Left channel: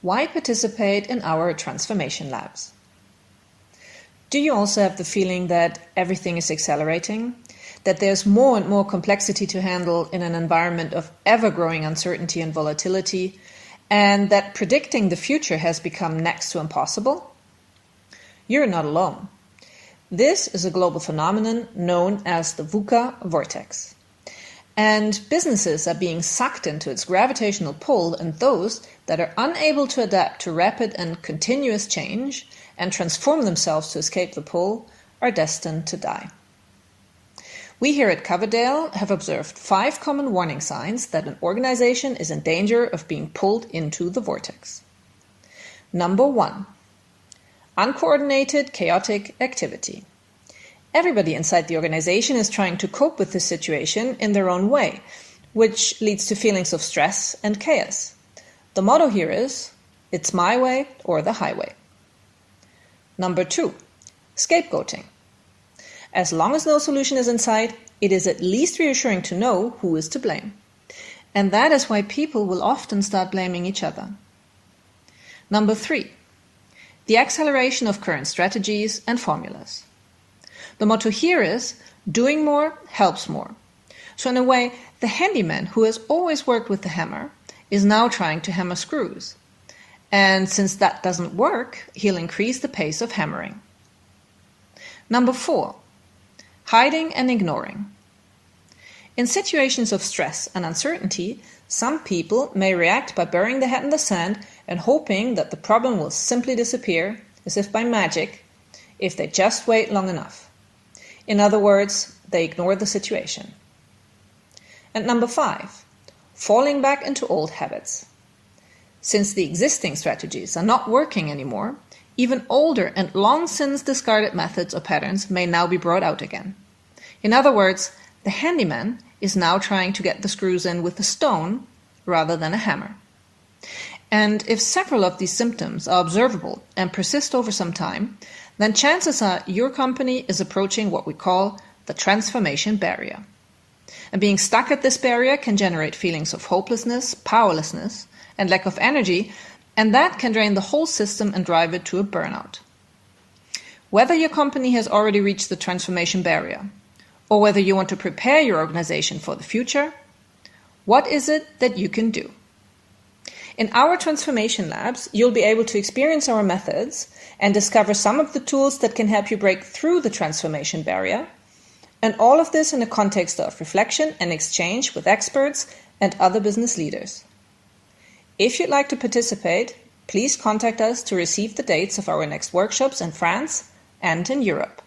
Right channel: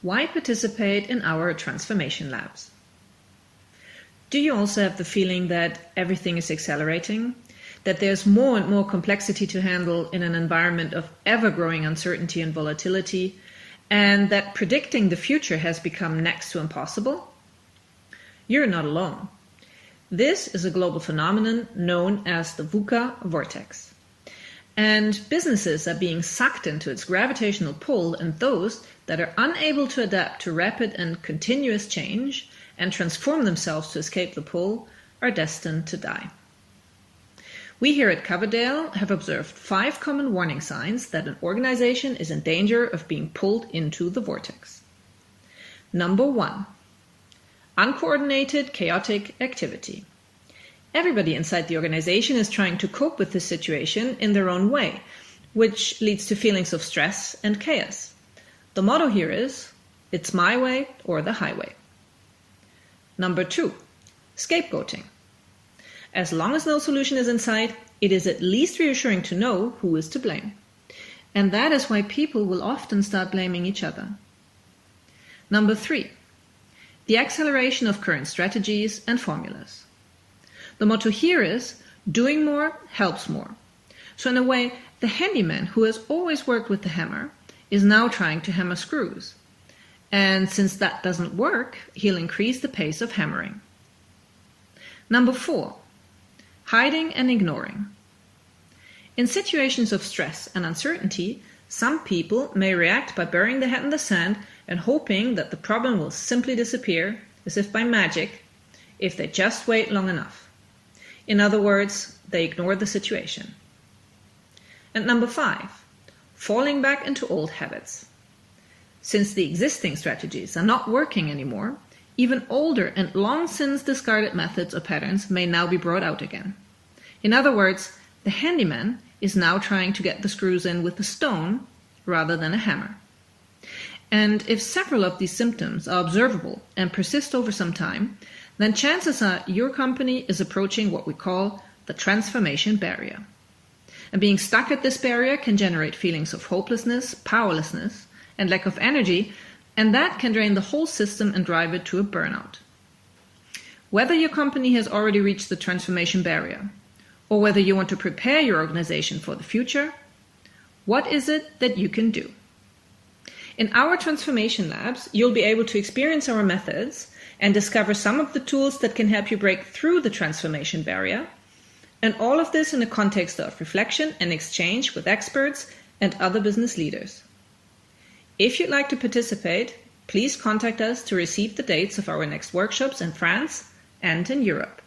Why participate in our transformation labs? Do you also have the feeling that everything is accelerating? That there's more and more complexity to handle in an environment of ever-growing uncertainty and volatility, and that predicting the future has become next to impossible? You're not alone. This is a global phenomenon known as the VUCA Vortex. And businesses are being sucked into its gravitational pull, and those that are unable to adapt to rapid and continuous change and transform themselves to escape the pull are destined to die. We here at Coverdale have observed 5 common warning signs that an organization is in danger of being pulled into the vortex. Number 1. Uncoordinated, chaotic activity. Everybody inside the organization is trying to cope with this situation in their own way, which leads to feelings of stress and chaos. The motto here is, it's my way or the highway. Number 2. Scapegoating. As long as no solution is in sight, it is at least reassuring to know who is to blame. And that is why people will often start blaming each other. Number 3. The acceleration of current strategies and formulas. The motto here is, doing more helps more. So in a way, the handyman who has always worked with the hammer is now trying to hammer screws. And since that doesn't work, he'll increase the pace of hammering. Number 4. Hiding and ignoring. In situations of stress and uncertainty, some people may react by burying their head in the sand and hoping that the problem will simply disappear, as if by magic, if they just wait long enough. In other words, they ignore the situation. And number 5, falling back into old habits. Since the existing strategies are not working anymore, even older and long since discarded methods or patterns may now be brought out again. In other words, the handyman is now trying to get the screws in with a stone rather than a hammer. And if several of these symptoms are observable and persist over some time, then chances are your company is approaching what we call the transformation barrier. And being stuck at this barrier can generate feelings of hopelessness, powerlessness, and lack of energy, and that can drain the whole system and drive it to a burnout. Whether your company has already reached the transformation barrier, or whether you want to prepare your organization for the future, what is it that you can do? In our transformation labs, you'll be able to experience our methods and discover some of the tools that can help you break through the transformation barrier, and all of this in a context of reflection and exchange with experts and other business leaders. If you'd like to participate, please contact us to receive the dates of our next workshops in France and in Europe.